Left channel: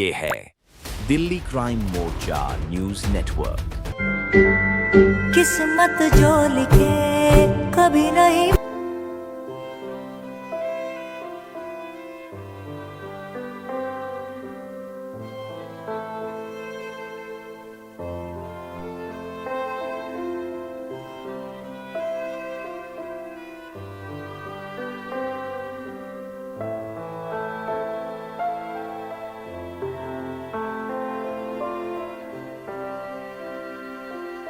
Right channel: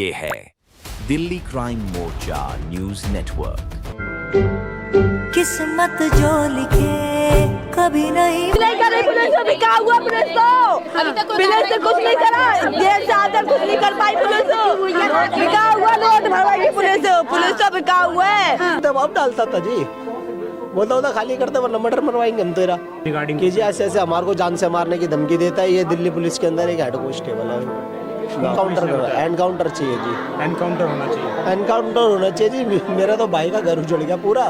ये है दिल्ली क्राइम मोर्चा news network. किस्मत जो लिखे कभी नहीं करे पुलिस को। क्या हुआ पुलिस को? पुलिस ने कुछ नहीं करा, जेल से आकर कुछ नहीं कर पाई पुलिस। क्या हुआ? नोट भरवाई पुलिस तो बिका हुआ है। दबाव डालता था जी, बोलता होता खाली करते वरना मर्डर मरवाएंगे हम तेरा रिगार्डिंग कीजिए। ऐसे ऐसे हमारे को जान से मारने की धमकी देता है। ये दिल्ली पुलिस के अंदर एक हेड कांस्टेबल है। एनकाउंटर चाहिए जी, एनकाउंटर होना चाहिए। एनकाउंटर होना चाहिए जी। मेरा तो भाई का घर उजड़ गया पूरा।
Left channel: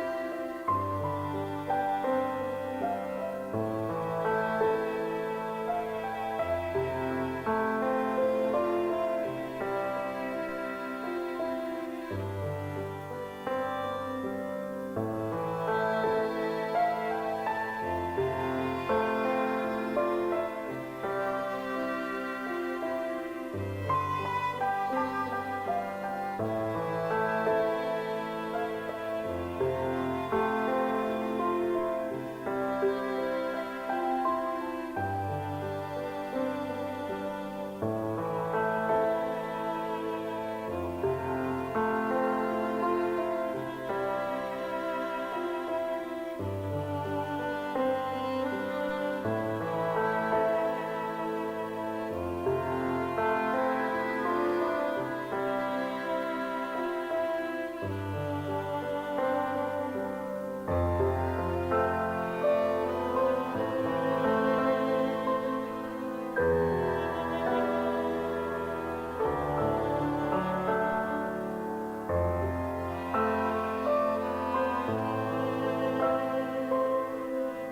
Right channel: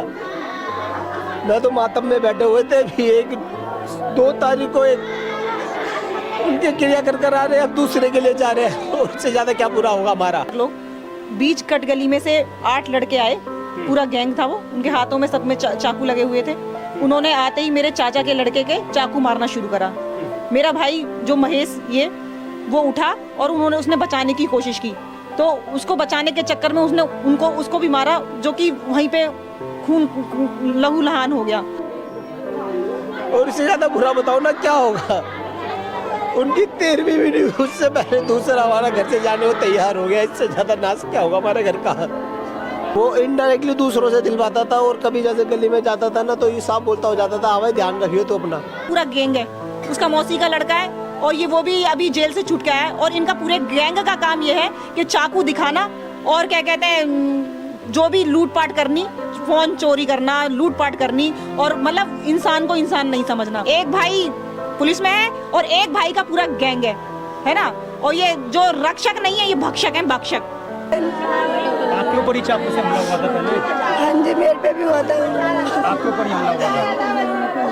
मैं तो मातम में बैठे हुए थे भी। 2 तारीख को एक उनके क्रिया कर आ रहे हैं, अब दूसरे के लिए जा रहे हैं। उससे ज्यादा क्या पूरा होगा हमारा। लोग बीच कट गली में से 8 लड़के आए, पूरा गैंग था वो। उनके हाथों में सब में चाकू लगे हुए थे। उन्होंने आते ही मेरे चाचा के लड़के के चाकू मारना शुरू करा। मेरा भाई जो महेश वो उठा और उसने बचाने की कोशिश की, तो उसको बचाने के चक्कर में उसको भी मारा, जो कि वहीं पे खून लहू लहान हो गया। और इससे ज्यादा बुरा बताओ ना क्या होगा। उनकी 13वीं भी नहीं, उससे पहले दूसरा हमारा घर से जाने को तैयार हो गया। इससे ज्यादा नाश क्या होगा हमारे घर का। वो इनडायरेक्टली दूसरों से दिलवाता था, और कभी जैसे गली में जाता था ना तो ये साफ बोलता हो जाता था, हाँ भाई ध्यान रखियो तो अपना। पूरा गैंग है, उसका मौसी का लड़का है, और वो भी अभी जेल से छूट गया है। और इनका पूरे गैंग का काम ये है कि चाकू दिखाना और क्या कहते हैं, जो भी लूटपाट करनी, फोन चोरी करना, लूटपाट करनी, और मतलब इंसान को इंसान नहीं समझना। एक भाई पुलिस में है और एक भाई का पूरा गैंग है ना। और ये जो रक्षक नहीं है, ये भक्षक है, भक्षक। आपके ऊपर ही चाकू से हमला हुआ था पहले? हाँ जी, मेरे पे भी हुआ था। आपके ऊपर ही हमला हुआ था?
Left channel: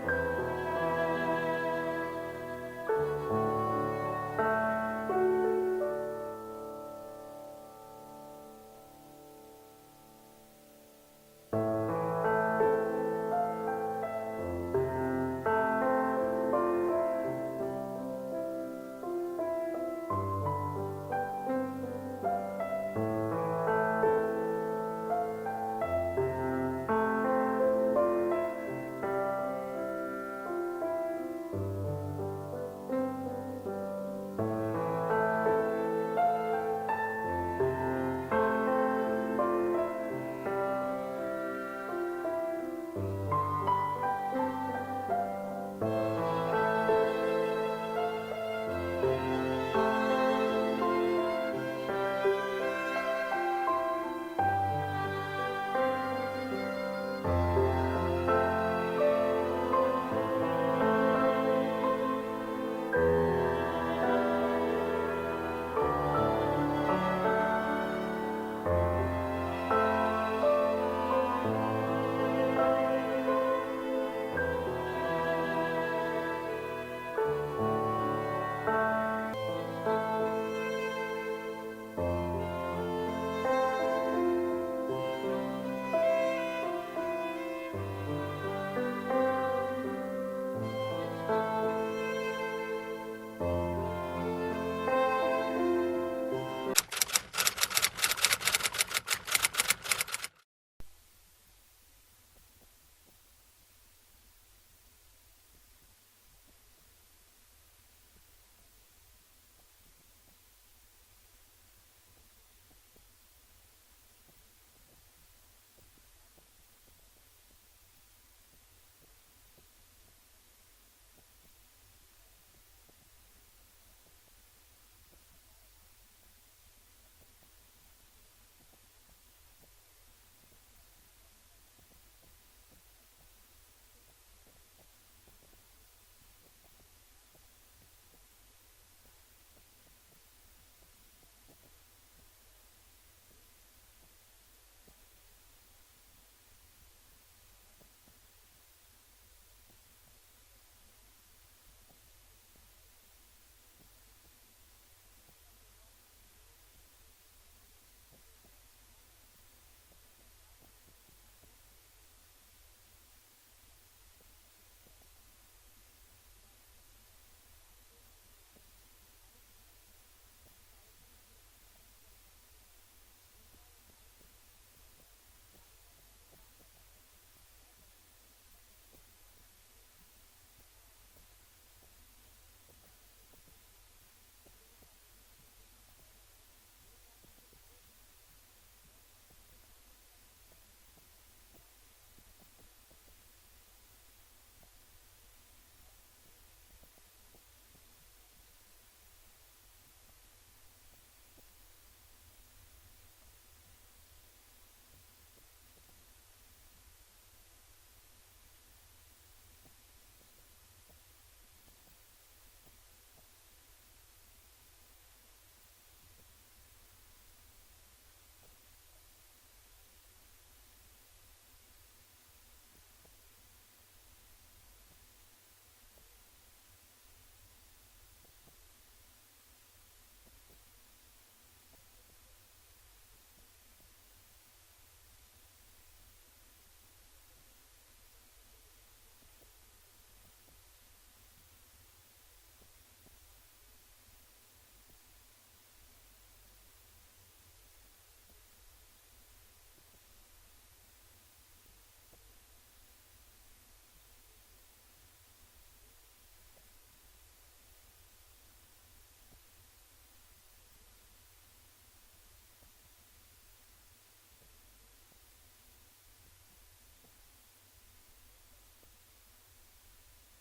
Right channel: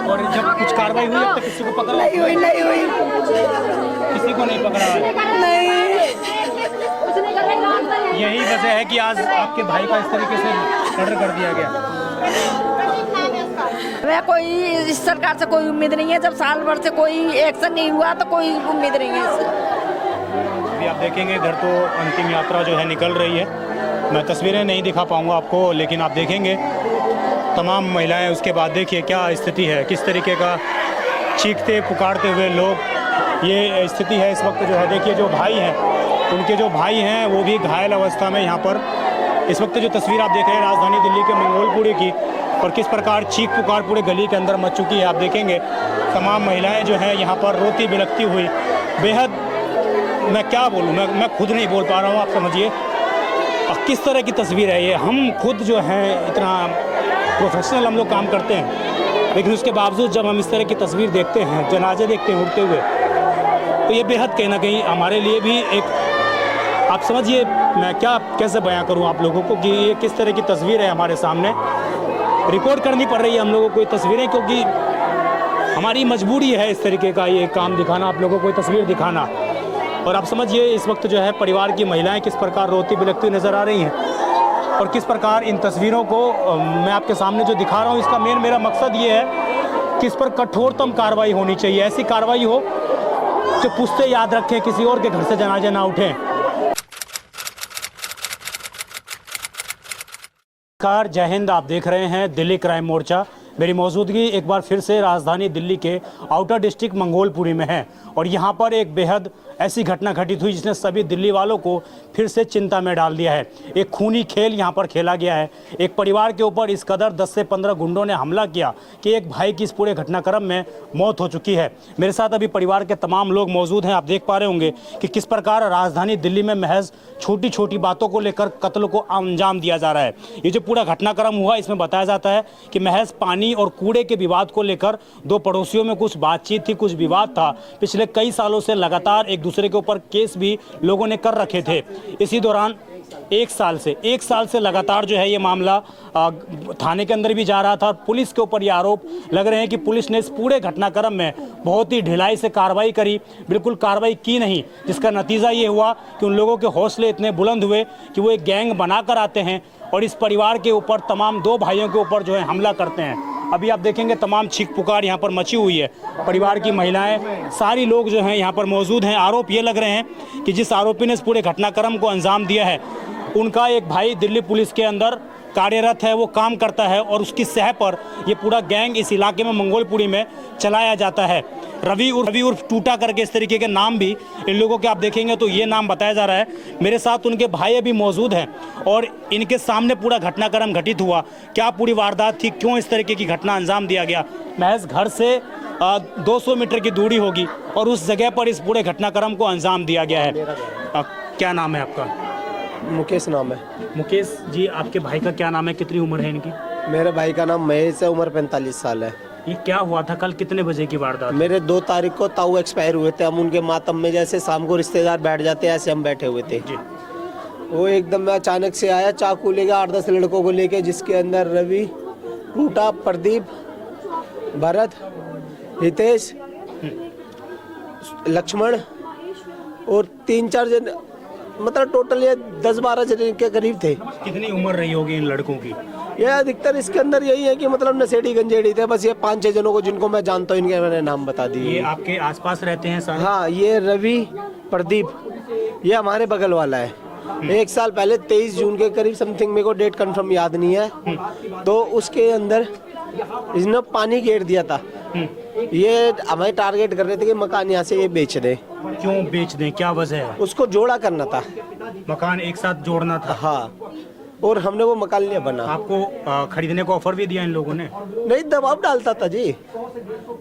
और जब कुछ कार्रवाई हुई अब तक किसी को पकड़ा? नहीं हुई। किसी को नहीं पकड़ा? नहीं। यही वजह है कि आज आपके भाई का इस तरीके से मर्डर कर दिया गया। मैं कोई इस सरकार से कोई उम्मीद नहीं है। जब साल भर से कोई एक्शन नहीं हुआ तो कोई उम्मीद नहीं है इससे। अभी आप देखेंगे इधर तो अंतिम यात्रा जो है निकल रही है। मैं तस्वीरें नहीं दिखा पाऊंगा आपको, लेकिन आप देखेंगे तमाम महिलाएं। उसके बाद देखिए क्या स्थिति है, किस तरीके का चीखते पुकारते हुए लोग, ये स्थिति है इस वक्त जो है। देखिए जो भाई हैं, उनके जो भाई हैं वो भी घायल अवस्था में यहाँ पर इस वक्त जो तस्वीर आप देख रहे हैं राजधानी दिल्ली के मंगोलपुरी की, और किस प्रकार चीख पुकार पूरे गली के अंदर मच चुकी है। आप देखेंगे तमाम महिलाएं जो हैं यहाँ पर रोती बिलखती हुई, बेहद, मैं क्या बोलूँ, मैं खुद नहीं बोल पा रहा हूँ। आप समझिए किस तरह की तस्वीर है ये। हम खुद जो है इतना प्रोफेशनल हम लोग काम करते हैं, लेकिन उसके बावजूद जब हम इस तरह की तस्वीर देखते हैं, जनाजे देखते हैं उठते हुए, तो ये बेहद कहीं ना कहीं हमारे लिए भी एक, आप समझिए मैं कैसे बयां करूं आप लोगों को कि ये किस तरह की तस्वीर है हमारे सामने। रिकॉर्ड करनी पड़ रही है हम लोगों को ये तस्वीरें, क्योंकि हमारी मजबूरी है इस तरीके का ये काम दिखाना, आप लोगों को तस्वीर दिखाना। और आप समझिए इस वक्त जो है परिवार की महिलाएं किस प्रकार रोती बिलखती नजर आ रही हैं, और किस प्रकार इन तस्वीरों को मैं आपके सामने जो दिखा रहा हूँ, इसका मेरा मकसद ये है कि इस पर कठोरतम कार्रवाई होनी चाहिए। ऐसी कार्रवाई हो जो पुश्ते याद रखें, किसी और के घर से जनाजे ना उठें। नमस्कार, जय हिंद। आप देख रहे हैं दिल्ली क्राइम मोर्चा। मेरी मौजूदगी एक बार फिर से राजधानी दिल्ली के आउटर डिस्ट्रिक्ट मंगोलपुरी में है, और यहाँ पर एक बेहद ऐसी घटना घटित हुई जिसने सभी दिल्ली वालों को फिर से चिंता में डाल दिया है। एक खूनी खेल यहाँ पर खेला गया है। एक परिवार के ऊपर इस कदर 10 से 15 गुंडों ने हमला किया कि एक भाई की इस पूरे घटनाक्रम में मौत हो चुकी है। मेरे साथ अभी परिवार के तमाम लोग मौजूद हैं। आप देख पा रहे होंगे कि किस प्रकार राजधानी दिल्ली में महज छोटी छोटी बातों को लेकर कत्ल को अंजाम दिया जा रहा है। ये जो पूरा घटनाक्रम हुआ, इसमें बताया जाता है कि महज पानी और कूड़े के विवाद को लेकर 2 पड़ोसियों में कुछ बातचीत थी, कुछ विवाद था। पिछले कई सालों से लगातार एक दूसरे के ऊपर केस भी लोगों ने कर रखे थे। इसी दौरान एक साल से लगातार जो है ये मामला थाने के अंदर भी जा रहा था, और पुलिस के ऊपर ये आरोप लग रहे हैं कि पुलिस ने इस पूरे घटनाक्रम में बहुत ही ढिलाई से कार्रवाई करी, बिल्कुल कार्रवाई की नहीं, जिसका नतीजा ये हुआ कि उन लोगों के हौसले इतने बुलंद हुए कि वो एक गैंग बनाकर आते हैं और इस परिवार के ऊपर, तमाम 2 भाइयों के ऊपर जो है हमला करते हैं। अभी आप देखेंगे तमाम चीख पुकार यहाँ पर मची हुई है। परिवार की महिलाएं, सारी लोग जो हैं यहाँ पर मौजूद हैं। आरोप ये लग रहे हैं कि जिस आरोपी ने इस पूरे घटनाक्रम को अंजाम दिया है, उनका एक भाई दिल्ली पुलिस के अंदर कार्यरत है, वो काम करता है और उसकी सह पर ये पूरा गैंग इस इलाके में मंगोलपुरी में चलाया जाता है। रवि उर्फ टूटा करके इस तरीके के नाम भी इन लोगों के आप देखेंगे तो ये नाम बताया जा रहा है। मेरे साथ उनके भाई अभी मौजूद हैं और इनके सामने पूरा घटनाक्रम घटित हुआ, क्या पूरी वारदात थी, क्यों इस तरीके की घटना अंजाम दिया गया। महज घर से 200 मीटर की दूरी होगी और उस जगह पर इस पूरे घटनाक्रम को अंजाम दिया गया है। क्या नाम है आपका? मुकेश नाम है। मुकेश जी, आपके भाई का क्या नाम है, कितनी उम्र है इनकी? मेरे भाई का नाम महेश है, उम्र 45 साल है। ये क्या हुआ था, कल कितने बजे की वारदात? मेरे 2 तारीख को ताऊ एक्सपायर हुए थे। हम उनके मातम में जैसे शाम को रिश्तेदार बैठ जाते हैं ऐसे हम बैठे हुए थे। वो एकदम मैं अचानक से आया चाकू लेके 8-10 लड़कों को लेके, जिसके अंदर रवि, टूटा, प्रदीप, भरत, हितेश, लक्ष्मण और 3-4 जन, मतलब टोटल ये 10-12 जन के करीब थे। कितनी उम्र रही होगी इन लड़कों की? ये अधिकतर इसके अंदर यही है कि मतलब नशेड़ी गंजेड़ी थे। बस ये 5-6 जनों को जिनको मैं जानता हूँ इनके मैंने नाम बता दिए। ये आपके आसपास रहते हैं सारे? हाँ, ये रवि, प्रदीप, ये हमारे बगल वाला है। 1 साल पहले 23 जून के करीब समथिंग, मेरे को डेट कंफर्म याद नहीं है, तो उसके अंदर इसने पानी घेर दिया था। ये हमें टारगेट कर रहे थे कि मकान यहाँ से ये बेच दे। क्यों बेच दें, क्या वजह है? उसको जोड़ा करना था, मकान एक साथ जोड़ना था। हाँ, और हमने वो मकान लिया बना। आपको खरीदने को ऑफर भी दिया इन लोगों ने? नहीं, दबाव डालता था जी,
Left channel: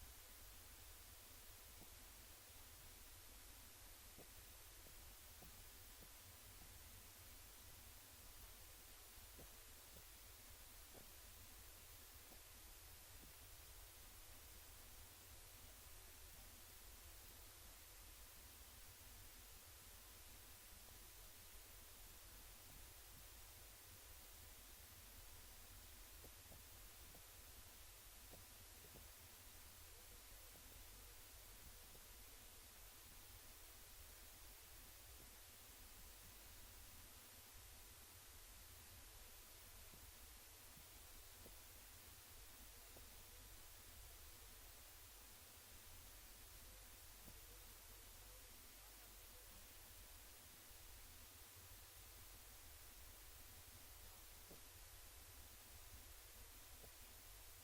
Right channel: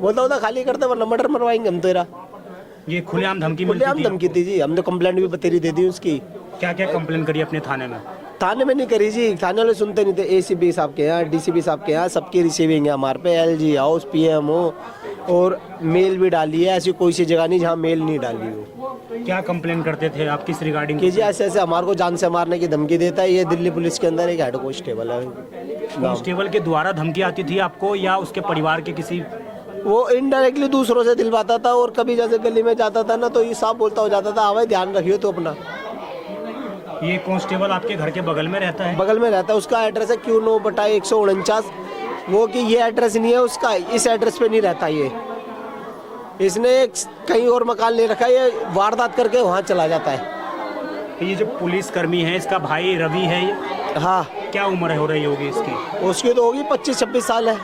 बोलता होता खाली करते वरना मर्डर मरवाएंगे हम तेरा। ये खुलेआम धमकी मिलती खुलेआम थी? धमकी थी जी, हमने कंप्लेंट भी बतेरी दे दी उसकी। क्या क्या कंप्लेन करी अपने थाने में? थाने में नहीं करी जी, थाने वाले सुनते नहीं थे। एसीपी साहब के यहाँ, डीसीपी साहब के यहाँ सबकी रिसीविंग है हमारे पे। एलजी हाउस, पीएमओ और मेल भी डाली है। ऐसी कोई सी जगह नहीं जहाँ मेल नहीं डाली हो। क्या कंप्लेन करते थे आप, किस रिगार्डिंग? कि जी ऐसे ऐसे हमारे को जान से मारने की धमकी देता है। ये दिल्ली पुलिस के अंदर एक हेड कांस्टेबल है। कांस्टेबल के द्वारा धमकी आती थी आपको या उसके परिवार के किसी? वो इनडायरेक्टली दूसरों से दिलवाता था और कभी जैसे गली में जाता था ना तो ये साफ बोलता हो जाता था, हमें ध्यान रखियो तो अपना। ये कांस्टेबल आपके घर के बगल में रहता है? बगल में रहता है। उसका एड्रेस है Q9/149। वो कि ये एड्रेस नहीं है उसका, इस एड्रेस पे नहीं रहता ये। इसने कहीं और मकान ले रखा है, ये वारदात करके वहाँ चला जाता है। ये जो पुलिस कर्मी है, इसका भाई रवि है ये? हाँ। क्या उम्र हो रही होगी इसकी? उसकी तो होगी 25-26 साल है।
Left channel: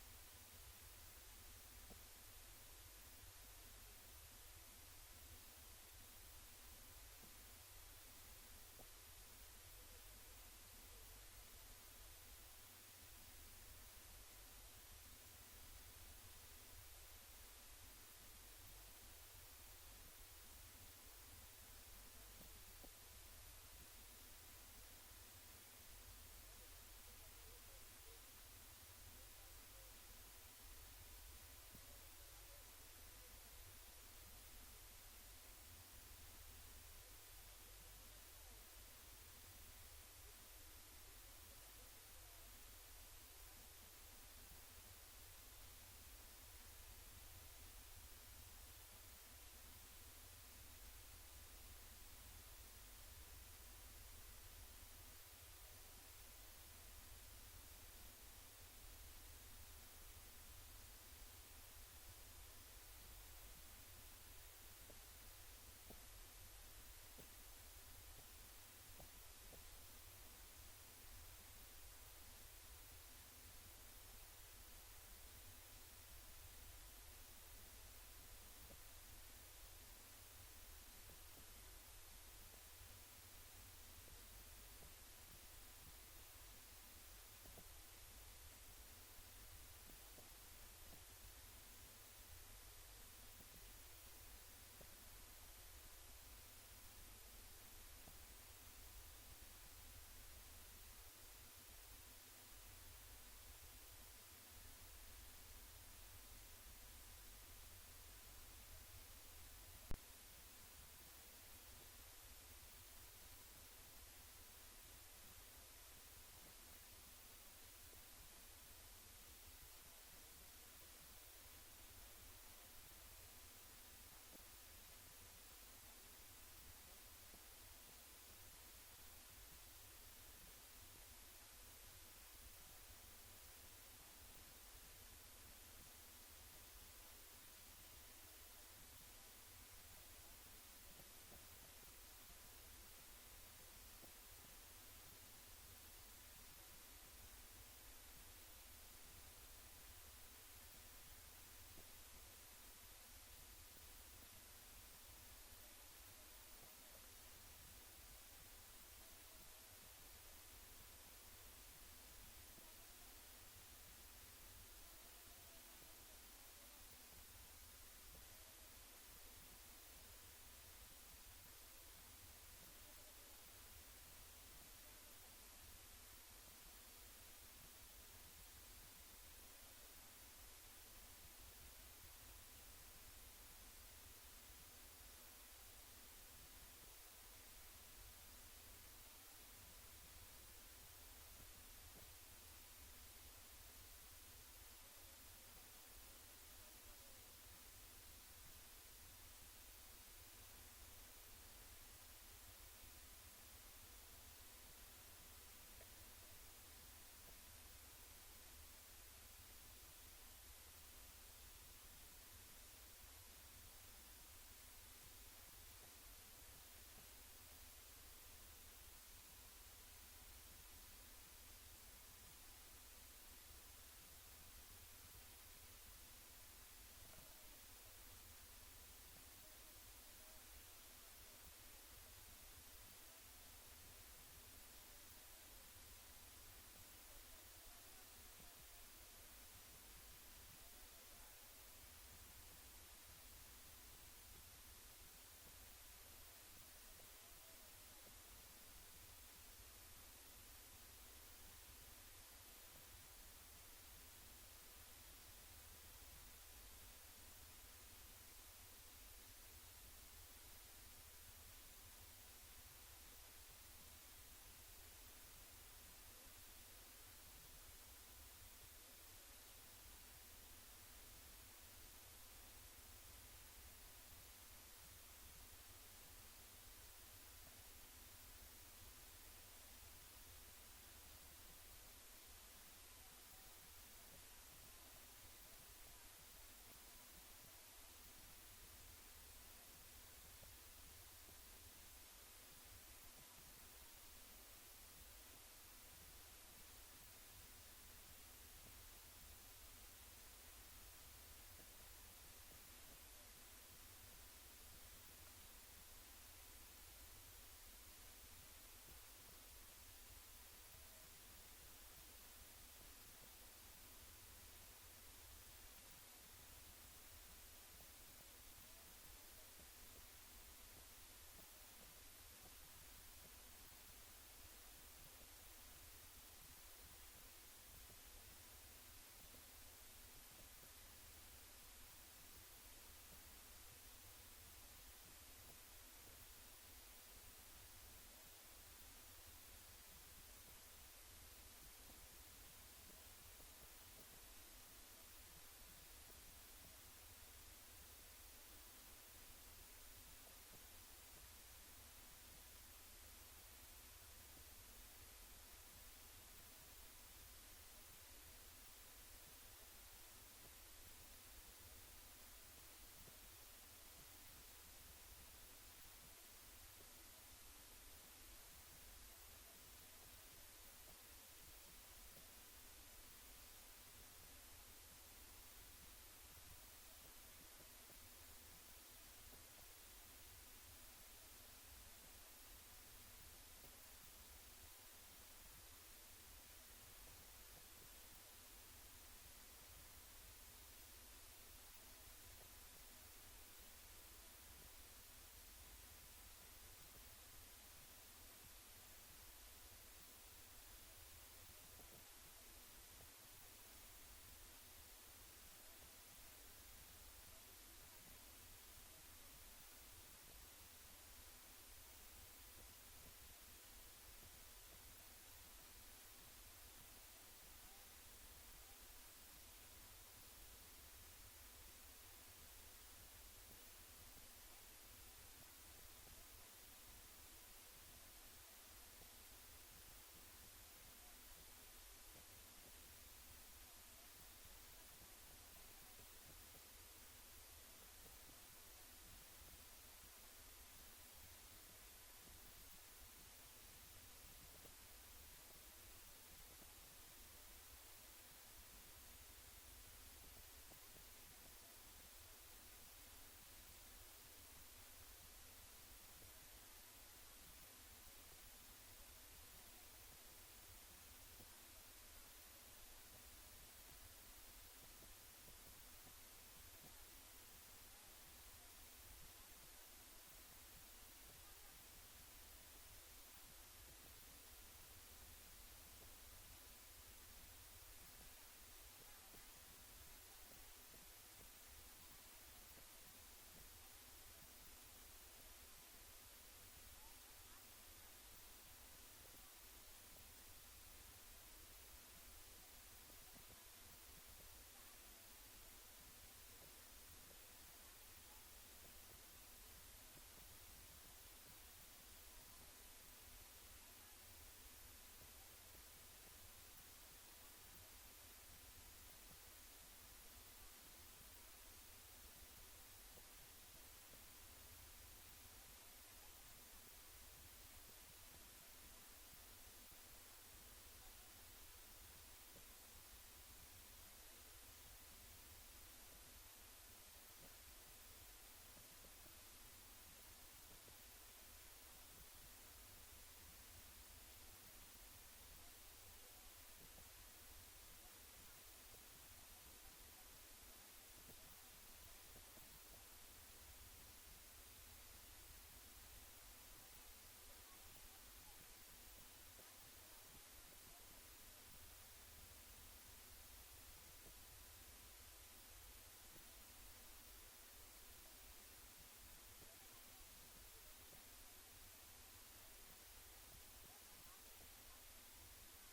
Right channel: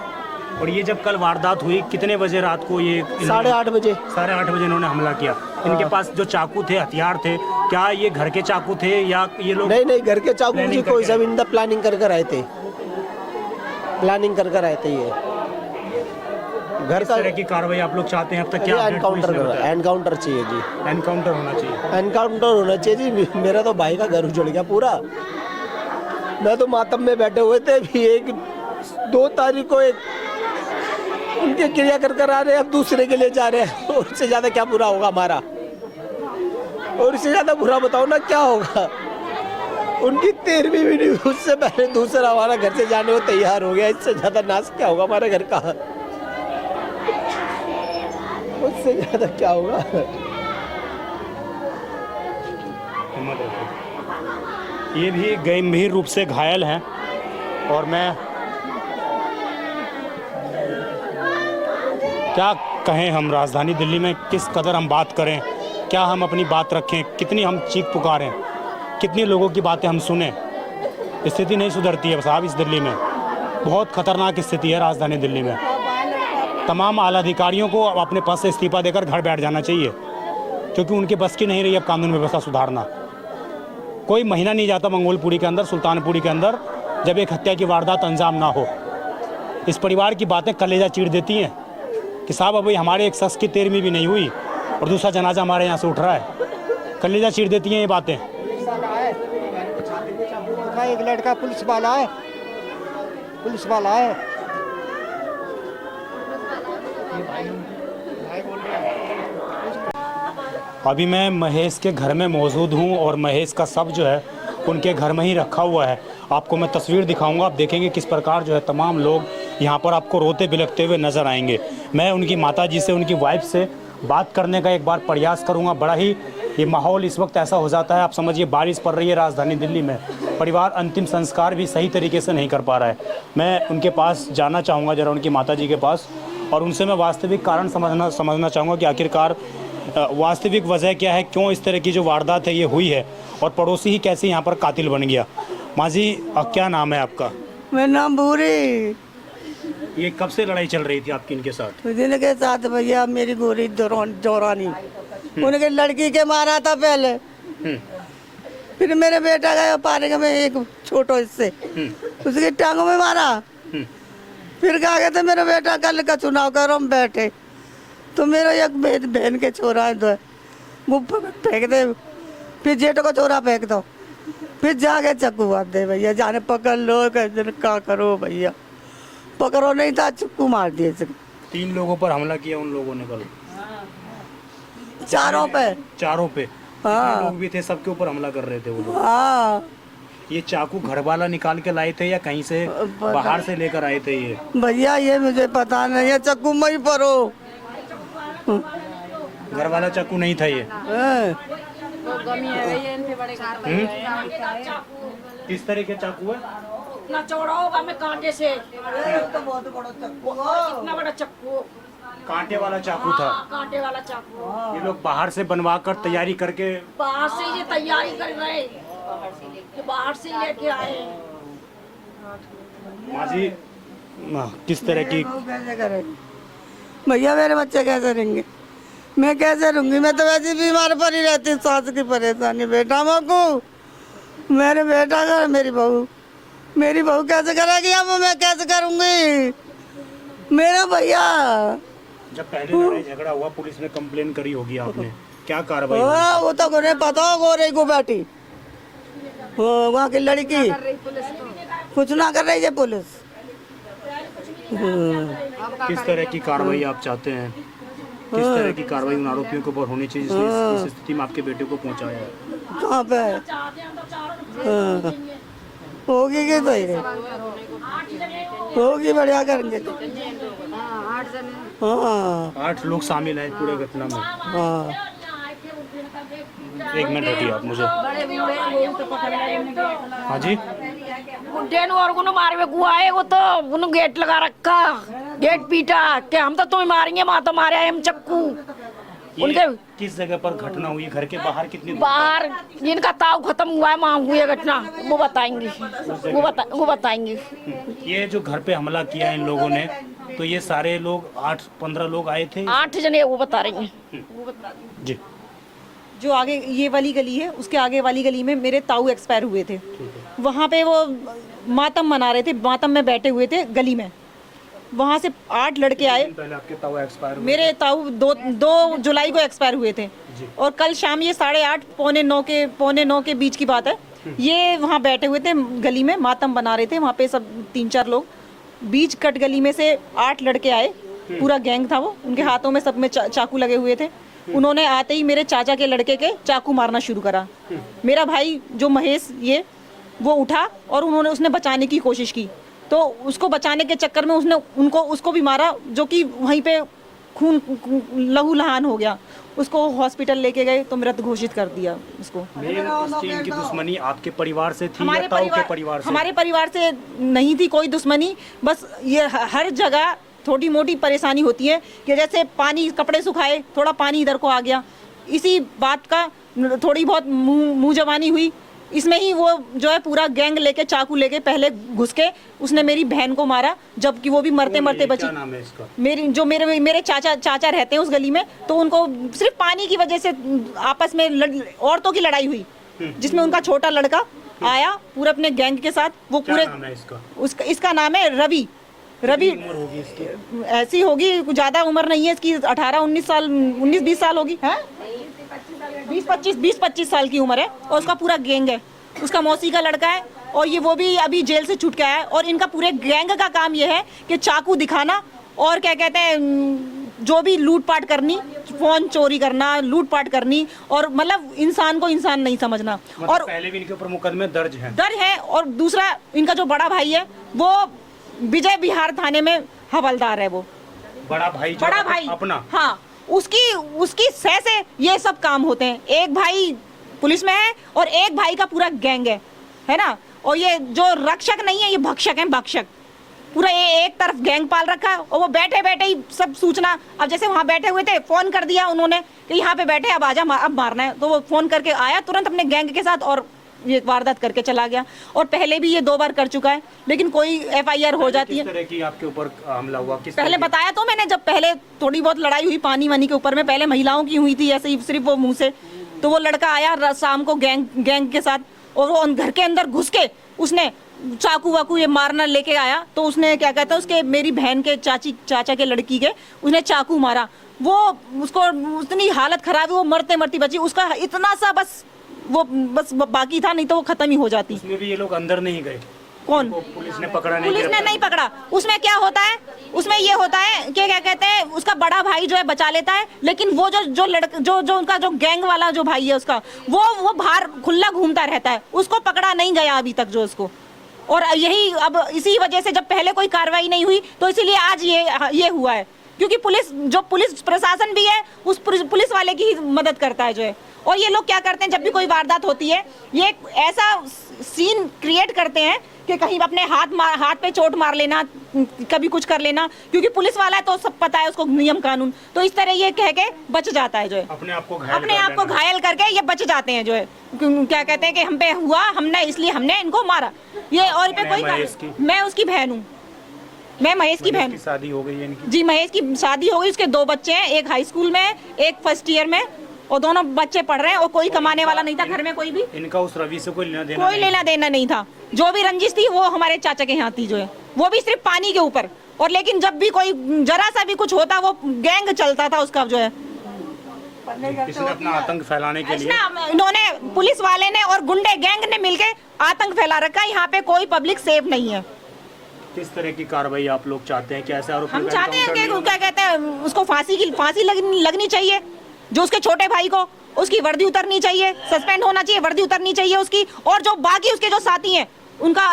और ये जब कल वारदात हुई कितने बजे रात को? ये 8:30 बजे। 8:30 बजे इन्होंने हमला किया। इनके पास जो चाकू थे, हथियार थे, क्या ये घर के चाकू थे या ये लोग? नहीं, घर के चाकू जी कोई सब इनका प्लानिंग कर आए थे। प्लानिंग कर आए थे ये घर का। तरह की कार्रवाई आप लोग चाहते हैं अब तक? क्या एनकाउंटर चाहिए जी। एनकाउंटर होना चाहिए। एनकाउंटर होना चाहिए जी। मेरा तो भाई का घर उजड़ गया पूरा। मैं तो मातम में बैठे हुए थे भी। 2 तारीख को एक उनके क्रिया कर आ रहे हैं, अब दूसरे के लिए जा रहे हैं। और इससे ज्यादा क्या बुरा होगा हमारा? और इससे ज्यादा बुरा बताओ ना क्या होगा? उनकी 13वीं भी नहीं, उससे पहले दूसरा हमारा घर से जाने को तैयार हो गया। इससे ज्यादा नाश क्या होगा हमारे घर का? उससे ज्यादा क्या होगा? ये भी गंभीर रूप से घायल हैं और मैं क्या कहें, हम राजधानी दिल्ली में किस कदर हम बात करें, क्या हम अपनी बात रखें, कितनी हम चीख पुकारें, कितनी लोगों की बातें हम सुने। स्थिति नहीं सुधरती है साहब इस दिल्ली में। बहुत खतरनाक स्थिति है राजधानी दिल्ली में। तमाम आला अधिकारियों को अपने पद से इस्तीफा देकर घर बैठ जाना चाहिए, क्योंकि उनके बस की नहीं रही अब कानून व्यवस्था सुधारना। कोई महीना नहीं जाता मंगोलपुरी के अंदर, सुल्तानपुरी के अंदर, जब एक हत्या की वारदात अंजाम ना हो। इस परिवार की बातें कलेजा चीर देती हैं कि साहब अभी हमारे एक शख्स की 13वीं भी नहीं हुई और दूसरा जनाजा हमारे यहाँ से उठ रहा है। कलेजा चीर देती हैं ये बातें। एक लड़का पुलिस वाला है। अभी मैं महेश के घर में मौजूद हूँ और महेश का शव जो है उनके घर में ही रखा हुआ है। आपको मैं तस्वीर दिखाऊंगा, आप देखेंगे किस प्रकार जो है तमाम लोग यहाँ पर आपको रोते बिलखते हुए नज़र आएंगे। मैं उनकी माताजी से, उनकी वाइफ से बात करने का एक बार प्रयास करूँगा। बड़ा ही ये माहौल इस वक्त ऐसा हो जाता है, आप समझिए बारिश पड़ रही है राजधानी दिल्ली में, परिवार अंतिम संस्कार भी सही तरीके से नहीं कर पा रहा है। मैं उनके पास जाना चाहूँगा ज़रा, उनकी माताजी के पास, और उनसे मैं वास्तविक कारण समझना चाहूँगा कि आखिरकार वास्तविक वजह क्या है, क्यों इस तरह की जो वारदात है ये हुई है और पड़ोसी ही कैसे यहाँ पर कातिल बन गया। माँ जी, क्या नाम है आपका? मेरा नाम भूरी। ये कब से लड़ाई चल रही थी आपकी इनके साथ? दिन के साथ भैया मेरी गोरी जोरानी उनके लड़की के मारा था पहले, फिर मेरे बेटा गया पानी में एक छोटो इससे उसकी टांगों में मारा। फिर कहा गया था मेरा बेटा कल का चुनाव करो, हम बैठे तो मेरा एक बहन के छोरा है दो वो फेंक दे, फिर जेठ को छोरा फेंक दो, फिर जाके चक्कू मार दे भैया, जाने पकड़ लो क्या करो भैया, पकड़ो नहीं था चक्कू मार दिए। 3 लोगों पर हमला किया उन लोगों ने कल? चारों पे। चारों पे? हाँ। लोग भी थे, सबके ऊपर हमला कर रहे थे वो लोग। हाँ ये चाकू घर वाला निकाल के लाए थे या कहीं से बाहर से लेकर आए थे ये? भैया ये मुझे पता नहीं है, चक्कू मई परो। घर वाला चाकू नहीं था ये? किस तरह के चाकू है? इतना चौड़ा होगा मैं कांटे से, इतना बड़ा चक्कू, कांटे वाला चाकू था? कांटे वाला चाकू। ये लोग बाहर से बनवा कर तैयारी करके बाहर से ये तैयारी कर रहे, ये बाहर से लेके आए। माँ जी किस तरह की? कैसे करे भैया, मेरे बच्चे कैसे रहेंगे, मैं कैसे रहूंगी, मैं तो वैसे बीमार पड़ी रहती हूँ, सांस की परेशानी, बेटा मको मेरे बेटा का मेरी बहू कैसे करेगी, अब मैं कैसे करूंगी मेरा भैया। जब पहले लड़ाई झगड़ा हुआ पुलिस ने कंप्लेन करी होगी आपने, क्या कार्रवाई हुई? वो तो उन्हें पता हो गोरे को बैठी वहाँ की लड़की कुछ ना कर रही है पुलिस। किस तरह की कार्रवाई आप चाहते हैं? किस तरह की कार्रवाई उन आरोपियों के ऊपर होनी चाहिए जिसने इस स्थिति में आपके बेटे को पहुंचाया है? कहाँ पे होगी कि होगी, बढ़िया करेंगे। हाँ 8 लोग शामिल हैं पूरे घटना में। हाँ 1 मिनट हटिए आप मुझे। हाँ जी बुड्ढे ने और को मारे हुए आए, वो तो उन्होंने गेट लगा रखा, गेट पीटा कि हम तो तुम्हें मारेंगे, माँ तो मारे हम चक्कू। उनके किस जगह पर घटना हुई? घर के बाहर कितनी बाहर जिनका ताव खत्म हुआ है वहाँ हुई है घटना, वो बताएंगे, वो बताएंगे। ये जो घर पे हमला किया इन लोगों ने, तो ये सारे लोग 8-15 लोग आए थे? 8 जने, वो बता रही हैं। जी। जो आगे ये वाली गली है, उसके आगे वाली गली में मेरे ताऊ एक्सपायर हुए थे, वहाँ पे वो मातम मना रहे थे, मातम में बैठे हुए थे गली में, वहाँ से 8 लड़के आए। पहले आपके ताऊ एक्सपायर हुए? मेरे ताऊ 2 जुलाई को एक्सपायर हुए थे और कल शाम ये 8:30 पौने 9 के बीच की बात है, ये वहाँ बैठे हुए थे गली में, मातम बना रहे थे, वहाँ पे सब 3-4 लोग, बीच कट गली में से 8 लड़के आए, पूरा गैंग था वो, उनके हाथों में सब में चाकू लगे हुए थे। उन्होंने आते ही मेरे चाचा के लड़के के चाकू मारना शुरू करा। मेरा भाई जो महेश ये वो उठा और उसने बचाने की कोशिश की, तो उसको बचाने के चक्कर में उसको भी मारा, जो कि वहीं पे खून लहू लहान हो गया। उसको हॉस्पिटल लेके गए तो मृत घोषित कर दिया उसको। इनकी दुश्मनी आपके परिवार से थी या ताऊ के परिवार से? हमारे परिवार से नहीं थी कोई दुश्मनी, बस ये हर जगह थोड़ी मोटी परेशानी होती है कि जैसे पानी, कपड़े सुखाए, थोड़ा पानी इधर को आ गया, इसी बात का थोड़ी बहुत मुंह जबानी हुई। इसमें ही वो जो है पूरा गैंग लेके, चाकू लेके पहले घुस के उसने मेरी बहन को मारा, जबकि वो भी मरते मरते बची। क्या नाम है इसका? मेरे चाचा रहते हैं उस गली में, तो उनको सिर्फ पानी की वजह से आपस में औरतों की लड़ाई हुई, जिसमें उनका छोटा लड़का आया पूरे अपने गैंग के साथ। वो पूरे इसका नाम है रवि। ऐसी होगी, ज्यादा उम्र नहीं है इसकी, 18-19 साल, 19-20 साल होगी, 20-25 साल की उम्र है, और उसका पूरा गैंग है, उसका मौसी का लड़का है, और ये वो भी अभी जेल से छूट के आया है। और इनका पूरे गैंग का काम ये है कि चाकू दिखाना और क्या कहते हैं, जो भी लूटपाट करनी, फोन चोरी करना, लूटपाट करनी, और मतलब इंसान को इंसान नहीं समझना। मतलब और पहले भी इनके ऊपर मुकदमे दर्ज है। और दूसरा इनका जो बड़ा भाई है वो विजय बिहार थाने में हवलदार है। वो बड़ा भाई अपना, हाँ, उसकी सह से ये सब काम होते हैं। एक भाई पुलिस में है और एक भाई का पूरा गैंग है ना। और ये जो रक्षक नहीं है, ये भक्षक है, भक्षक। पूरा ये एक तरफ गैंग पाल रखा है, और वो बैठे बैठे ही सब सूचना, अब जैसे वहाँ बैठे हुए थे, फोन कर दिया उन्होंने कि यहाँ पे बैठे, अब आजा, अब मारना है, तो वो फोन करके आया तुरंत अपने गैंग के साथ और ये वारदात करके चला गया। और पहले भी ये 2 बार कर चुका है, लेकिन कोई FIR हो जाती है। किस तरह की आपके ऊपर हमला हुआ? किस पहले बताया तो मैंने, जब पहले थोड़ी बहुत लड़ाई हुई पानी वानी के ऊपर में, पहले महिलाओं की हुई थी ऐसे ही सिर्फ वो मुंह से। तो वो लड़का आया शाम को गैंग के साथ, और वो घर के अंदर घुस के उसने चाकू वाकू ये मारना लेके आया। तो उसने क्या कहता है, उसके मेरी बहन के चाचा के लड़की के उसने चाकू मारा। वो उसको उतनी हालत खराब है, वो मरते मरती बची। उसका इतना सा बस बाकी था, नहीं तो वो खत्म ही हो जाती। उसमें भी ये लोग अंदर नहीं गए? कौन? पुलिस ने पकड़ा नहीं? पुलिस ने नहीं पकड़ा। उसमें क्या होता है, उसमें ये होता है कि क्या कहते हैं, उसका बड़ा भाई जो है बचा लेता है, लेकिन वो जो लड़का जो उनका जो गैंग वाला जो भाई है उसका, वो बाहर खुला घूमता रहता है। उसको पकड़ा नहीं गया अभी तक जो उसको। और यही अब इसी वजह से जब पहले कोई कार्रवाई नहीं हुई, तो इसीलिए आज ये हुआ है। क्योंकि पुलिस प्रशासन भी है, उस पुलिस वाले की ही मदद करता है जो है। और ये लोग क्या करते हैं, जब भी कोई वारदात होती है, ये ऐसा सीन क्रिएट करते हैं कि कहीं अपने हाथ पे चोट मार लेना, कभी कुछ कर लेना। क्योंकि पुलिस वाला है तो सब पता है उसको नियम कानून, तो इस तरह ये कह के बच जाता है जो है। अपने आप को घायल करके ये बच जाते हैं जो है। क्या कहते हैं कि हम पे हुआ, हमने इसलिए हमने इनको मारा। ये और पे कोई, मैं उसकी बहन हूँ। मैं महेश की बहन। शादी हो गई है इनकी? जी, महेश की शादी हो गई। उसके 2 बच्चे हैं, एक हाई स्कूल में, एक फर्स्ट ईयर में, और दोनों बच्चे पढ़ रहे हैं। और कोई कमाने वाला नहीं था घर में, कोई भी। इनका उस रवि से कोई लेना देना नहीं था। जो भी रंजिश थी वो हमारे चाचा के यहाँ थी जो है, वो भी सिर्फ पानी के ऊपर। और लेकिन जब भी कोई जरा सा भी कुछ होता, वो गैंग चलता था उसका जो है। इसने अपना आतंक फैलाने के लिए इन्होंने, पुलिस वाले ने और गुंडे गैंग ने मिलके आतंक फैला रखा है। यहाँ पे कोई पब्लिक सेफ नहीं है। किस तरह की कार्रवाई आप लोग चाहते हैं? कैसे आरोपी? हम चाहते हैं कि क्या कहते हैं, उसको फांसी लगनी चाहिए। जो उसके छोटे भाई को, उसकी वर्दी उतरनी चाहिए, सस्पेंड होना चाहिए, वर्दी उतरनी चाहिए उसकी। और जो बाकी उसके जो साथी हैं, उनका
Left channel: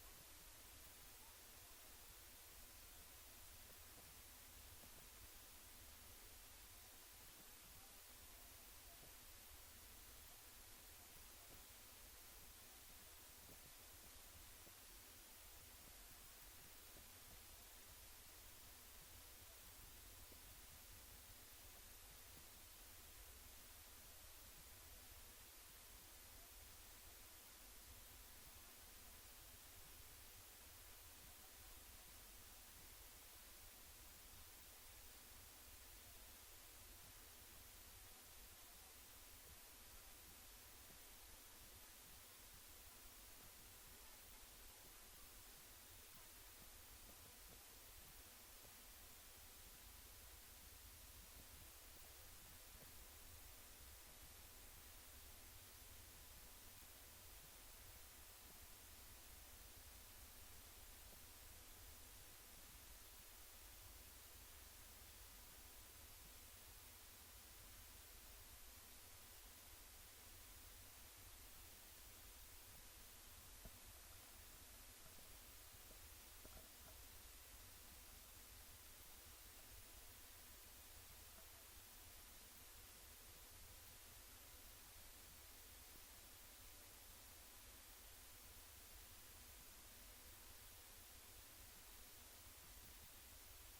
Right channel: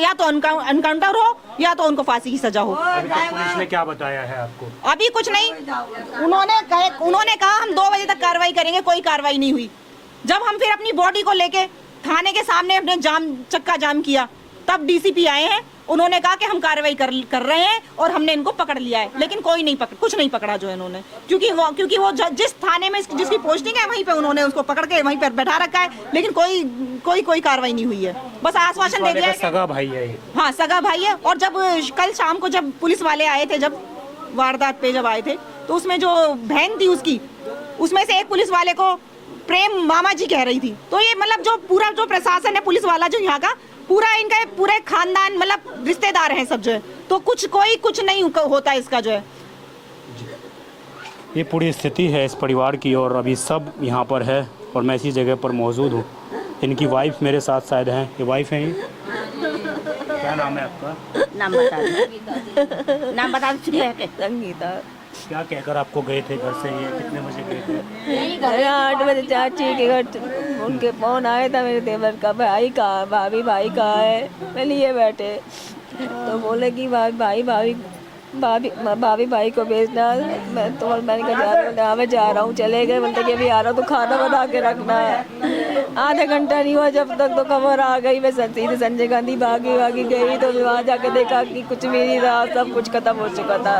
या तो एनकाउंटर हो या तो उनको फांसी की सजा हो। अभी तक पुलिस ने क्या बताया है आपको? अभी कुछ नहीं। उन्होंने कहा हम 2 बजे तक कार्रवाई करेंगे, कोई कार्रवाई नहीं हुई। जब हम फिर अपनी बॉडी को लेके थाने के सामने अपने चक्का जाम किया, तब DCP आए हैं। उन्होंने कहा कि हम कार्रवाई कर रहे हैं और हमने इनको पकड़ लिया है, लेकिन कुछ नहीं पकड़ा जो है इन्होंने। क्योंकि वो जिस थाने में जिसकी पोस्टिंग है, वहीं पे उन्होंने उसको पकड़ के वहीं पर बैठा रखा है, लेकिन कोई कार्रवाई नहीं हुई है। बस आश्वासन दे दिया। सगा भाई है? हाँ, सगा भाई है। और जब कल शाम को जब पुलिस वाले आए थे, जब वारदात पे जब आए थे, तो उसमें जो बहन थी उसकी, उसमें से एक पुलिस वाले को प्रेम मामा जी कह रही थी। तो ये मतलब जो पूरा जो प्रशासन है पुलिस वाला जो यहाँ का, पूरा इनका पूरे खानदान मतलब रिश्तेदार हैं सब जो है। तो कुछ नहीं होता इसका जो है। ये पूरी स्थिति है इस परिवार की, और अभी सब यहाँ पर है और मैं इसी जगह पर मौजूद हूँ। इनकी वाइफ मेरे साथ शायद हैं। ये वाइफ हैं? क्या नाम है आपका? नाम बता संगीता। क्या कहकर आपको गए थे घर से? ये कितने बजे गए थे? 8 बजे चाची के घर उनके फोन आया था, मेरे देवर का भाई कहाँ, भाभी कहाँ है। मैं लिए बैठे तो बोले कि भाभी को भेजना। मैंने कहा मैं जा रहा हूँ। चले गए, बोलते कि अभी आ रहा हूँ तो खाना बना के रखना। आधा घंटा नहीं हुआ जब तक तो खबर आ गई। मैं सीधे संजय गांधी भागी गई, तो वहाँ जाके देखा कि कुछ भी नहीं रहा, सब कुछ खत्म हो चुका था।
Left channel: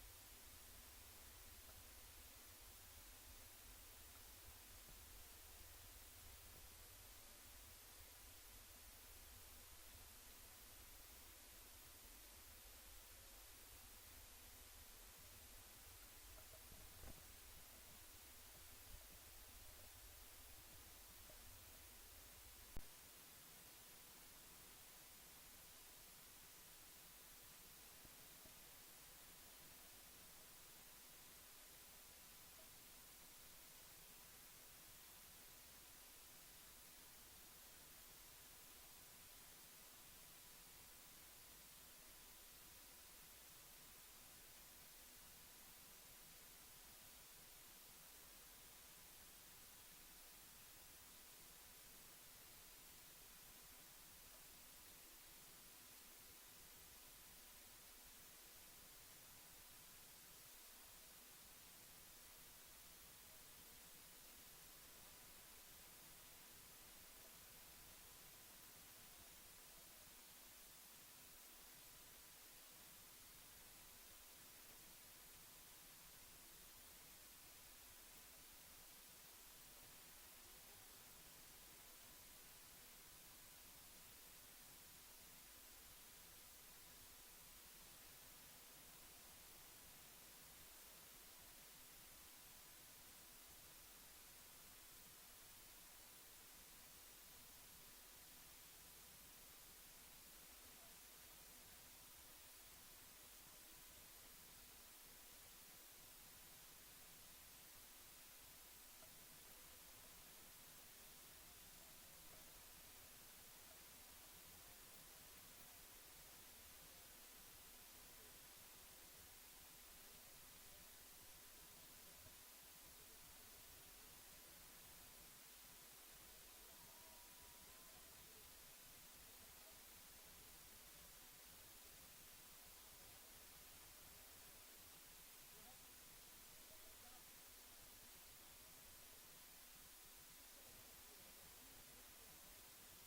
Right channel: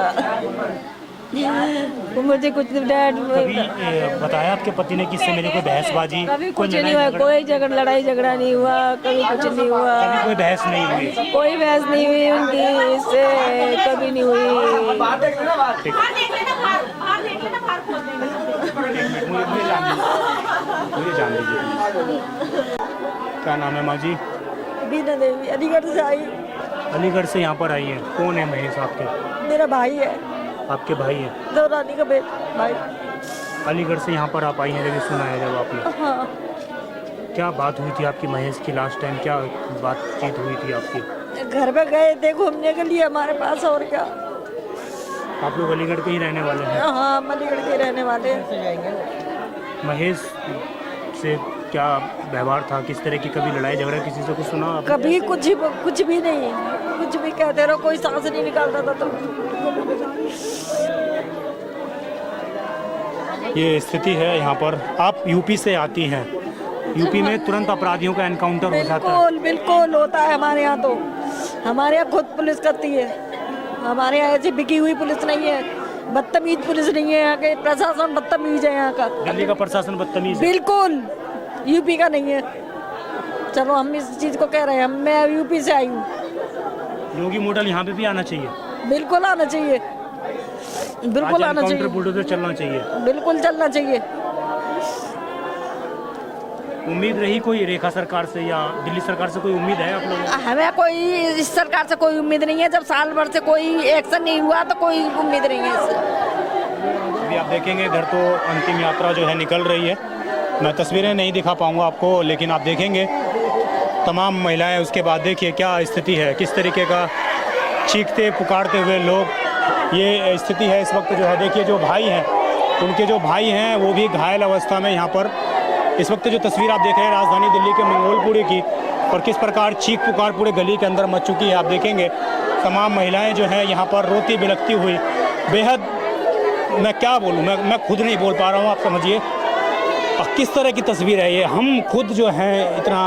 मुझे कुछ बताया आपके पति ने किससे मेरे कोई बहसबाजी? कभी कुछ नहीं हुआ, कोई लड़ाई झगड़ा नहीं हुआ, कभी कुछ नहीं हुआ, कभी कोई बहस नहीं हुई? कोई बहस नहीं हुई उनकी, इससे कभी नहीं हुई। मुझे जान लीजिए। क्या नाम है माँ जी? बीना देवी, अलीगढ़ से आई। अलीगढ़ से यहाँ पर आई है? कौन है महेश आपके? मेरा भाई है। आपके भाई है? दौरानी का भाई। अलीगढ़ से यहाँ पर आप आई हैं, लेकिन सुना है जब आपने? हाँ। क्या बात हुई थी आपकी महेश की लास्ट टाइम? क्या बातचीत हुई थी आपकी? घर पे गए थे घूमने के लिए हमारे पास, और क्या। आप लोग अलीगढ़ के ही रहने वाले हैं? हाँ, अलीगढ़ के रहने वाले हैं। महेश से क्या व्यवहार था? किस तरह की कभी लड़ाई झगड़ा किसी से कुछ सुना आपने? कभी कुछ भी नहीं, कुछ भी कहते रहो, कोई सांस नहीं निकालता था। तो ये स्थिति है यहाँ पर। आप यूपी से आती हैं, यूपी में तुरंत अपराधियों का एनकाउंटर हो जाता है? बिल्कुल होता है हमारे यहाँ। तो हमारे यहाँ खुद पुलिस करती है। हमारे यहाँ ऐसी बिकी हुई पुलिस नहीं है, बदतमीज पुलिस नहीं है। यहाँ के प्रशासन बदतमीज है यहाँ का। दिल्ली का प्रशासन बदतमीज है? बिल्कुल, यूपी का नहीं है। चलो हम इस चीज को कह रहे हैं, मैं यूपी से आई हूँ। योगी मॉडल यहाँ पे भी आना चाहिए, बिल्कुल आना चाहिए, बिल्कुल आना चाहिए, बुलडोजर चलना चाहिए। बिल्कुल चलना चाहिए। उम्मीद रही कोई रेखा सरकार से या दिल्ली सरकार से कोई उम्मीद है आप लोगों को? हमें कोई इस सरकार से कोई उम्मीद नहीं है। जब साल भर से कोई एक्शन नहीं हुआ तो कोई उम्मीद नहीं है इससे। अभी आप देखेंगे इधर तो अंतिम यात्रा जो है निकल रही है। मैं तस्वीरें नहीं दिखा पाऊंगा आपको, लेकिन आप देखेंगे तमाम महिलाएं, उसके बाद देखिए क्या स्थिति है, किस तरीके का चीखते पुकारते हुए लोग, ये स्थिति है इस वक्त जो है। देखिए जो भाई हैं, उनके जो भाई हैं वो भी घायल अवस्था में यहाँ पर इस वक्त जो तस्वीर आप देख रहे हैं राजधानी दिल्ली के मंगोलपुरी की, और किस प्रकार चीख पुकार पूरे गली के अंदर मच चुकी है। आप देखेंगे तमाम महिलाएं जो हैं यहाँ पर रोती बिलखती हुई, बेहद, मैं क्या बोलूँ, मैं खुद नहीं बोल पा रहा हूँ, आप समझिए किस तरह की तस्वीर है ये। हम खुद जो हैं इतना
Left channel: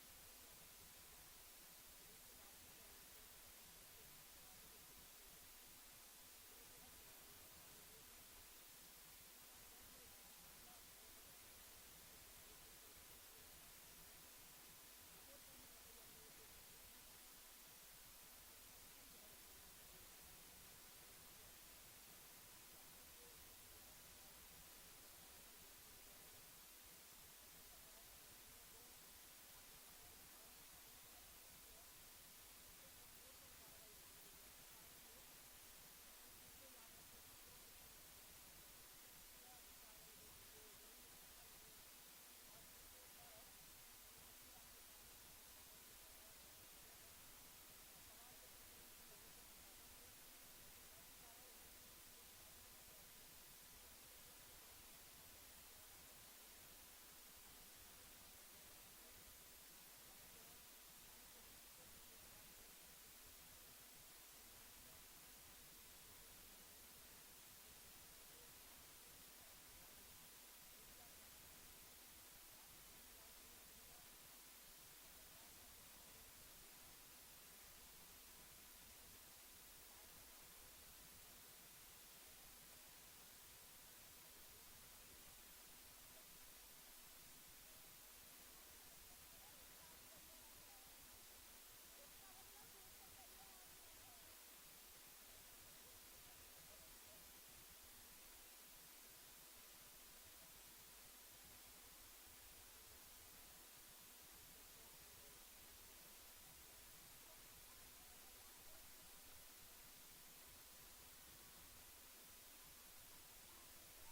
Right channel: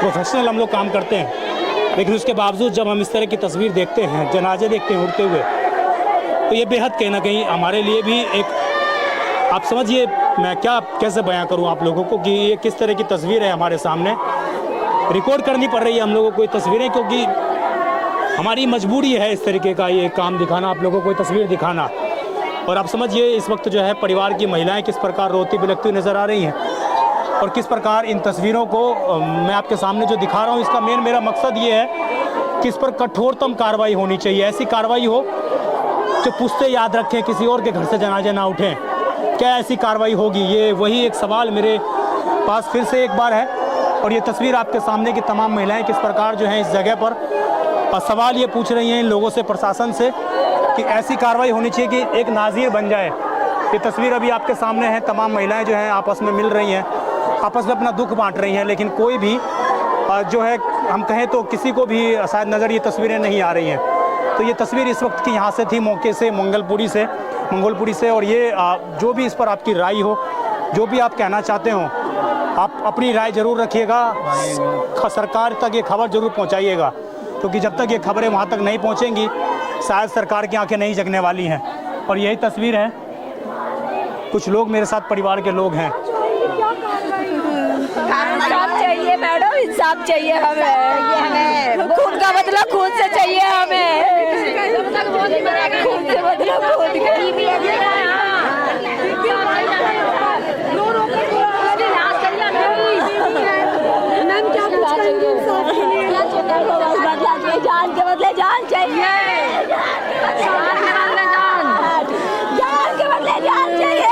प्रोफेशनल हम लोग काम करते हैं, लेकिन उसके बावजूद जब हम इस तरह की तस्वीर देखते हैं, जनाजे देखते हैं उड़ते हुए, तो ये बेहद कहीं ना कहीं हमारे लिए भी एक, आप समझिए मैं क्या कैसे बयां करूं आप लोगों को कि ये किस तरह की तस्वीर है हमारे सामने। रिकॉर्ड करनी पड़ रही है हम लोगों को ये तस्वीरें, क्योंकि हमारी मजबूरी है इस तरीके का ये काम दिखाना, आप लोगों को तस्वीर दिखाना। और आप समझिए इस वक्त जो है परिवार की महिलाएं किस प्रकार रोती बिलखती हुई नज़र आ रही हैं, और किस प्रकार इन तस्वीरों को मैं आपके सामने जो दिखा रहा हूँ, इसका मेरा मकसद ये है कि इस पर कठोरतम कार्रवाई होनी चाहिए। ऐसी कार्रवाई हो जो पुश्ते याद रखें, किसी और के घर से जनाजे ना उठें। क्या ऐसी कार्रवाई होगी, ये वही एक सवाल मेरे पास फिर से एक बार है। और ये तस्वीर आपके सामने की तमाम महिलाएं किस प्रकार जो हैं इस जगह पर सवाल ये पूछ रही हैं इन लोगों से, प्रशासन से, कि ऐसी कार्रवाई होनी चाहिए कि एक नाज़ीर बन जाए। ये तस्वीर अभी आपके सामने है, तमाम महिलाएं जो हैं आपस में मिल रही हैं, आपस में अपना दुख बांट रही हैं, लेकिन कोई भी जो है हम कहें तो किसी को भी शायद नज़र ये तस्वीरें नहीं आ रही हैं। तो ये तस्वीर इस वक्त की यहाँ से थी, मौके से मंगोलपुरी से। और ये जो भी इस पर आपकी राय हो, जो भी आप कहना चाहते हो, आप अपनी राय जरूर रखिएगा, सरकार तक ये खबर जरूर पहुँचाइएगा, क्योंकि जब तक ये खबरें वहाँ तक नहीं पहुँचेंगी शायद सरकार की आंखें नहीं जगने वाली हैं। और यही तस्वीर है, कुछ लोग मेरे साथ परिवार के लोग हैं। इंसाफ चाहिए मैडम, इंसाफ चाहिए हमें, खून का बदला खून से चाहिए हमें, खून से बदला खून का। जान के बदले जान चाहिए, जान के बदले जान चाहिए।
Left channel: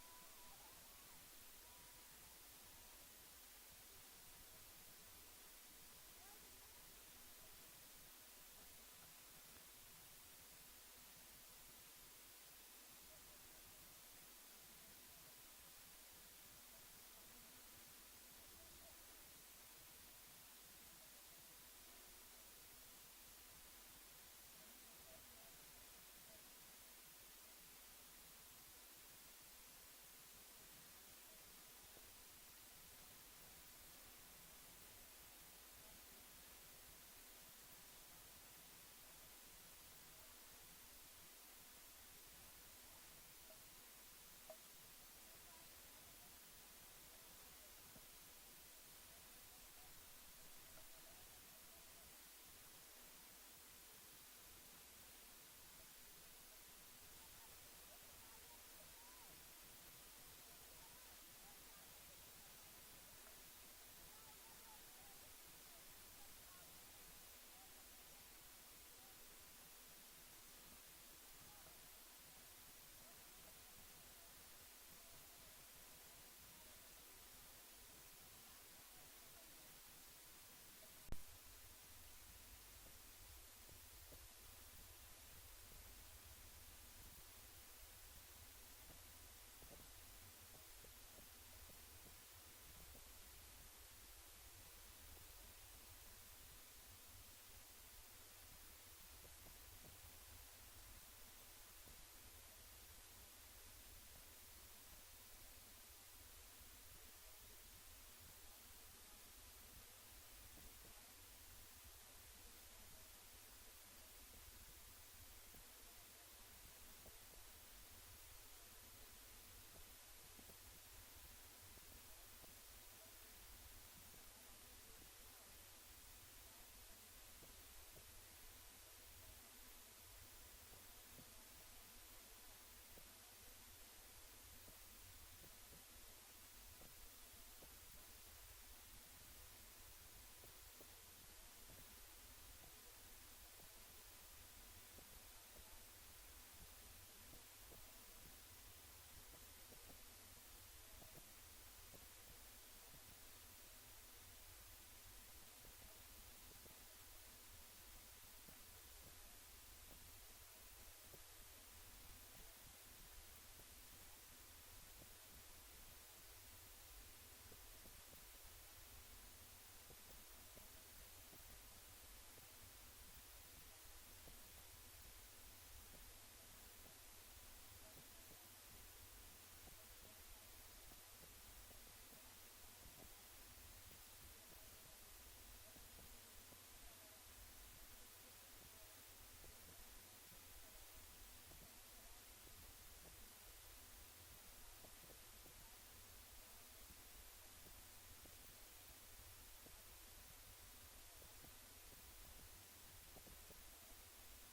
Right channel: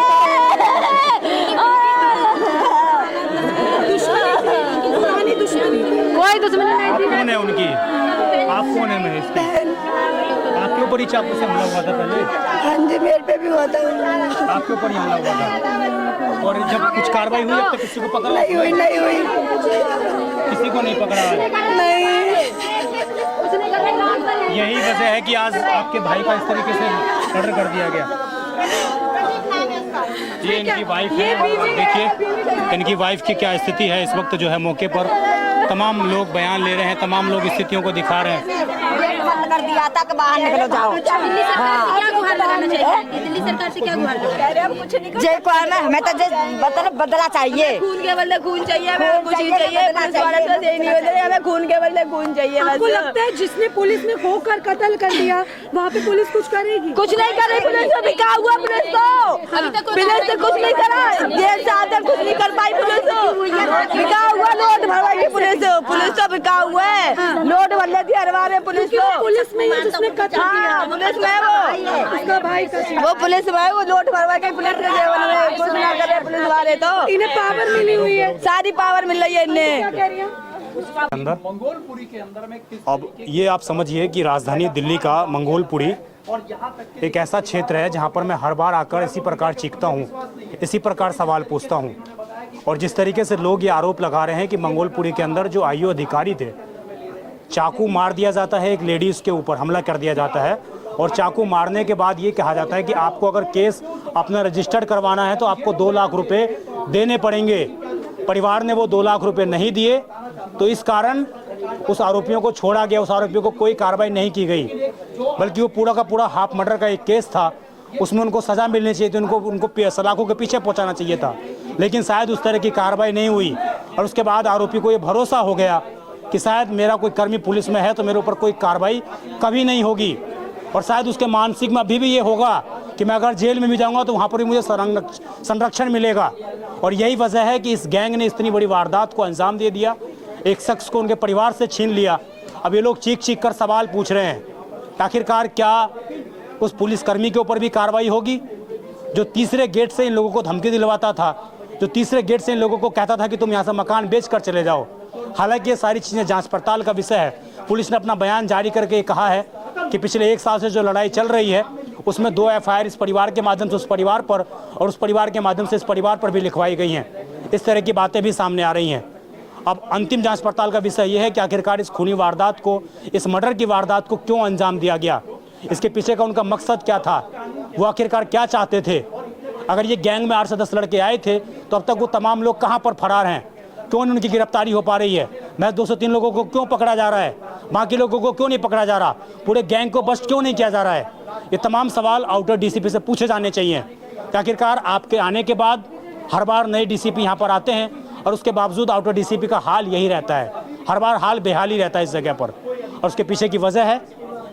कोई दुश्मनी नहीं थी। कौन है उनकी? आप कौन है महेश? आपके ऊपर ही चाकू से हमला हुआ था पहले? हाँ जी, मेरे पे भी हुआ था। आपके ऊपर ही हमला हुआ था? और जब कुछ कार्रवाई हुई अब तक किसी को पकड़ा? नहीं हुई। किसी को नहीं पकड़ा? नहीं। यही वजह है कि आज आपके भाई का इस तरीके से मर्डर कर दिया गया। ये इनकी वाइफ है, और देखिए इनकी वाइफ की क्या स्थिति है इस वक्त जो है। मौके पर तमाम लोग बयान ले रहे हैं, तमाम लोग स्थितियों को दिखा रहे हैं। बंद कर दिया था कि बाहर निकलो जाओ। दिल्ली सरकार से क्या गुहार लगाना चाहिए? दिल्ली सरकार से क्या गुहार लगाना? जय को हमें तो बदला चाहिए, खून के बदले खून चाहिए, हमें कुछ ही चाहिए, पुलिस वाले तो दे नहीं होते, हमें खून के बदले खून चाहिए। आपको लगता है जिसने पुलिस में होकर कत्ल कर दिया वहाँ पे पुलिस कुछ करेगी? कुछ नहीं करेगी पुलिस, तो बिका हुआ पुलिस ने कुछ नहीं करा, जेल से आकर कुछ नहीं कर पाई पुलिस, बिका हुआ लोट भरवाएगी पुलिस तो बिका हुआ है, लोट भर लेती है हमारे पुलिस को। पुलिस में ही जिसने कत्ल किया, पुलिस में उसका भाई वो पुलिस में वो लोट भरवा के पुलिस के सेवन में कुछ ना करे पुलिस वाले। तो इन्हें पावर मिली हुई है, सारी पावर मिल रही है इन्हें अंदर। अब ये आप समझिए कि राजधानी दिल्ली का मंगोलपुरी एक ऐसा क्षेत्र है जहां पर मैं हर बार आकर इसी प्रकार चीखता हूं, इसी प्रकार सवाल पूछता हूं। और जिस तरीके से लोग ये आरोप लगा रहे हैं कि मंगोलपुरी के अंदर जो आईओ अधिकारी थे, चाकू मार दिया जाता है, एक लेडीज़ के ऊपर हमला कर दिया जाता है, और चाकू मारने के बाद ये कहा जाता है कि आपको अगर केस अपना रजिस्टर्ड करवाना है तो आपको 2 लाख रुपए देने पड़ेंगे। परिवार ने वो 2 लाख रुपए नहीं दिए, तो इस कारण उस आरोपियों को छोड़ा गया, उस आरोपियों को कोई कार्रवाई नहीं की गई, बल्कि वो पूरा का पूरा हाफ मर्डर का एक केस था, उसमें उनको सज़ा मिलनी चाहिए थी, उनको सलाखों के पीछे पहुंचाना चाहिए था। लेकिन शायद उस तरह की कार्रवाई नहीं हुई और उसके बाद आरोपी को ये भरोसा हो गया कि शायद मेरा कोई कर्मी पुलिस में है तो मेरे ऊपर कोई कार्रवाई कभी नहीं होगी। और शायद उसके मानसिक में अभी भी ये होगा कि मैं अगर जेल में भी जाऊंगा तो वहाँ पर भी मुझे संरक्षण मिलेगा। और यही वजह है कि इस गैंग ने इतनी बड़ी वारदात को अंजाम दे दिया, एक शख्स को उनके परिवार से छीन लिया। अब ये लोग चीख चीख कर सवाल पूछ रहे हैं आखिरकार क्या उस पुलिसकर्मी के ऊपर भी कार्रवाई होगी जो तीसरे गेट से इन लोगों को धमकी दिलवाता था, जो तीसरे गेट से इन लोगों को कहता था कि तुम यहाँ से मकान बेच कर चले जाओ। हालांकि ये सारी चीज़ें जांच पड़ताल का विषय है। पुलिस ने अपना बयान जारी करके कहा है कि पिछले 1 साल से जो लड़ाई चल रही है उसमें 2 FIR इस परिवार के माध्यम से उस परिवार पर और उस परिवार के माध्यम से इस परिवार पर भी लिखवाई गई हैं। इस तरह की बातें भी सामने आ रही हैं। अब अंतिम जांच पड़ताल का विषय यह है कि आखिरकार इस खूनी वारदात को, इस मर्डर की वारदात को क्यों अंजाम दिया गया, इसके पीछे का उनका मकसद क्या था, वो आखिरकार क्या चाहते थे। अगर ये गैंग में 8 से 10 लड़के आए थे तो अब तक वो तमाम लोग कहाँ पर फरार हैं, क्यों नहीं उनकी गिरफ्तारी हो पा रही है। मैं 203 लोगों को क्यों पकड़ा जा रहा है, बाकी लोगों को क्यों नहीं पकड़ा जा रहा, पूरे गैंग को बस्ट क्यों नहीं किया जा रहा है। ये तमाम सवाल आउटर DCP से पूछे जाने चाहिए कि आखिरकार आपके आने के बाद हर बार नए DCP यहाँ पर आते हैं और उसके बावजूद आउटर DCP का हाल यही रहता है, हर बार हाल बेहाल ही रहता है इस जगह पर। और उसके पीछे की वजह है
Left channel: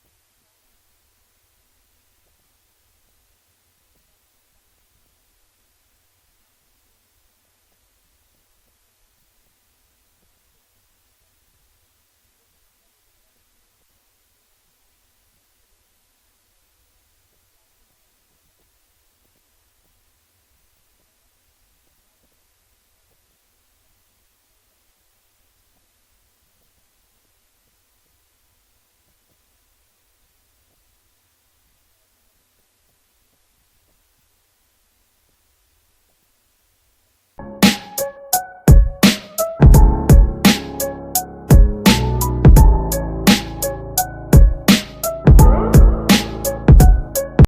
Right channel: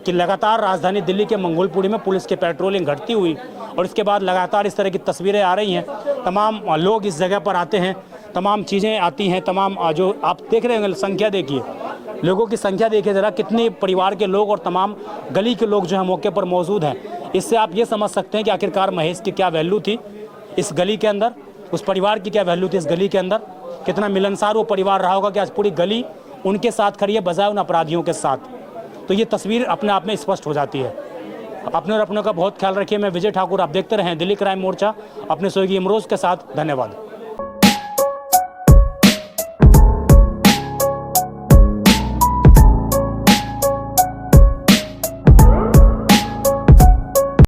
कि लगातार राजधानी दिल्ली के मंगोलपुरी में पुलिस की पेट्रोलिंग घटती हुई और इसके बाद लगातार इस तरह की तस्वीरें आ रही हैं। तमाम लोग इस जगह पर आते हैं, तमाम चीज़ें आती हैं, तमाम जो आप देख रहे हैं संख्या देखिए, लोगों की संख्या देखिए ज़रा, कितने परिवार के लोग और तमाम गली के लोग जो है मौके पर मौजूद हैं। इससे आप ये समझ सकते हैं कि आखिरकार महेश की क्या वैल्यू थी इस गली के अंदर, उस परिवार की क्या वैल्यू थी इस गली के अंदर, कितना मिलनसार वो परिवार रहा होगा कि आज पूरी गली उनके साथ खड़ी है बजाय उन अपराधियों के साथ। तो ये तस्वीर अपने आप में स्पष्ट हो जाती है। अपने और अपनों का बहुत ख्याल रखिए। मैं विजय ठाकुर, आप देखते रहें दिल्ली क्राइम मोर्चा अपने सहयोगी इमरोज़ के साथ। धन्यवाद।